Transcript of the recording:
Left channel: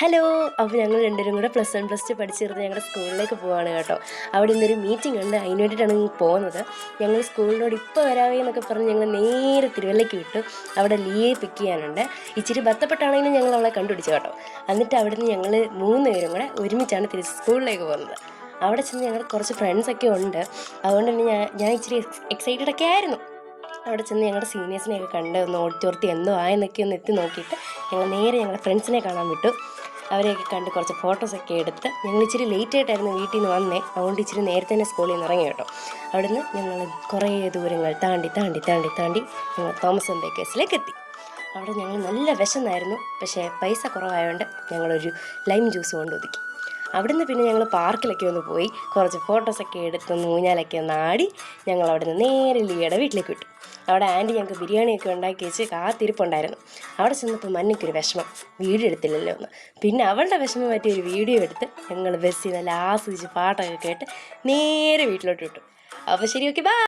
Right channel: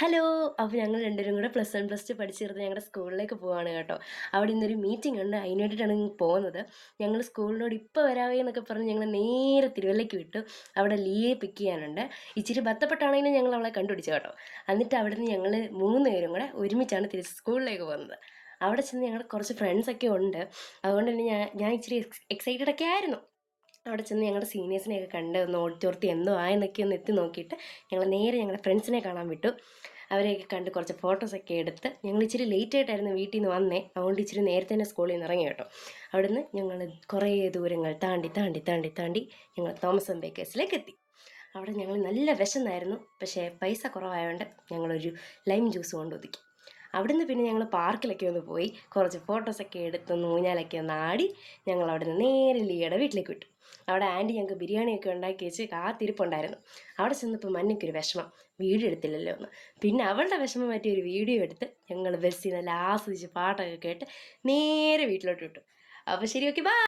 Hello! അപ്പോൾ ഞങ്ങൾ രണ്ടുപേരും കൂടെ +1, +2 പഠിച്ചിരുന്ന ഞങ്ങളുടെ സ്കൂളിലേക്ക് പോവാണ് കേട്ടോ. അവിടെ ഇന്നൊരു മീറ്റിംഗ് ഉണ്ട്. അതിന് വേണ്ടിയിട്ടാണ് പോകുന്നത്. ഞങ്ങൾ സ്കൂളിനോട് ഇപ്പോൾ വരാവേ എന്നൊക്കെ പറഞ്ഞ് ഞങ്ങൾ നേരെ തിരുവല്ലയ്ക്ക് വിട്ടു. അവിടെ ലിയയെ പിക്ക് ചെയ്യാനുണ്ട്. ഇച്ചിരി ബന്ധപ്പെട്ടാണെങ്കിലും ഞങ്ങൾ അവളെ കണ്ടുപിടിച്ചു കേട്ടോ. എന്നിട്ട് അവിടുന്ന് ഞങ്ങൾ 3 പേരും കൂടെ ഒരുമിച്ചാണ് തിരിച്ച് സ്കൂളിലേക്ക് പോകുന്നത്. അവിടെ ചെന്ന് ഞങ്ങൾ കുറച്ച് ഫ്രണ്ട്സൊക്കെ ഉണ്ട്. അതുകൊണ്ട് തന്നെ ഞാൻ ഇച്ചിരി എക്സൈറ്റഡ് ഒക്കെ ആയിരുന്നു. അവിടെ ചെന്ന് ഞങ്ങളുടെ സീനിയേഴ്സിനെയൊക്കെ കണ്ട് ഒന്ന് ഓടിച്ചോർത്തി എന്തോ ആയെന്നൊക്കെ ഒന്ന് എത്തി നോക്കിയിട്ട് ഞങ്ങൾ നേരെ ഞങ്ങളുടെ ഫ്രണ്ട്സിനെ കാണാൻ വിട്ടു. അവരെയൊക്കെ കണ്ട് കുറച്ച് ഫോട്ടോസൊക്കെ എടുത്ത് ഞങ്ങൾ ഇച്ചിരി ലേറ്റ് ആയിട്ടായിരുന്നു വീട്ടിൽ നിന്ന് വന്നേ. അതുകൊണ്ട് ഇച്ചിരി നേരത്തെ തന്നെ സ്കൂളിൽ നിന്ന് ഇറങ്ങി കേട്ടോ. അവിടുന്ന് ഞങ്ങൾ കുറേ ദൂരങ്ങൾ താണ്ടി ഞങ്ങൾ തോമസ് ആൻഡ് ബേക്കേഴ്സിലേക്ക് എത്തി. അവിടെ ഞങ്ങൾ നല്ല വിശന്നായിരുന്നു. പക്ഷേ പൈസ കുറവായതുകൊണ്ട് ഞങ്ങളൊരു ലൈം ജ്യൂസ് കൊണ്ട് ഒതുക്കി. അവിടുന്ന് പിന്നെ ഞങ്ങൾ പാർക്കിലൊക്കെ ഒന്ന് പോയി കുറച്ച് ഫോട്ടോസൊക്കെ എടുത്ത് ഊഞ്ഞാലൊക്കെ ഒന്ന് ആടി ഞങ്ങൾ അവിടെ നിന്ന് നേരെ ലിയയുടെ വീട്ടിലേക്ക് വിട്ടു. അവിടെ ആൻറ്റി ഞങ്ങൾക്ക് ബിരിയാണിയൊക്കെ ഉണ്ടാക്കി വെച്ച് കാത്തിരിപ്പുണ്ടായിരുന്നു. അവിടെ ചെന്നപ്പോൾ മഞ്ഞയ്ക്കൊരു വിഷമം, വീഡിയോ എടുത്തില്ലല്ലോ എന്ന്. പിന്നെ അവളുടെ വിഷമം പറ്റിയ ഒരു വീഡിയോ എടുത്ത് ഞങ്ങൾ ബസ്സിൽ നല്ല ആസ്വദിച്ച് പാട്ടൊക്കെ കേട്ട് നേരെ വീട്ടിലോട്ട് വിട്ടു. അപ്പോൾ ശരി, ഓക്കെ, ബൈ.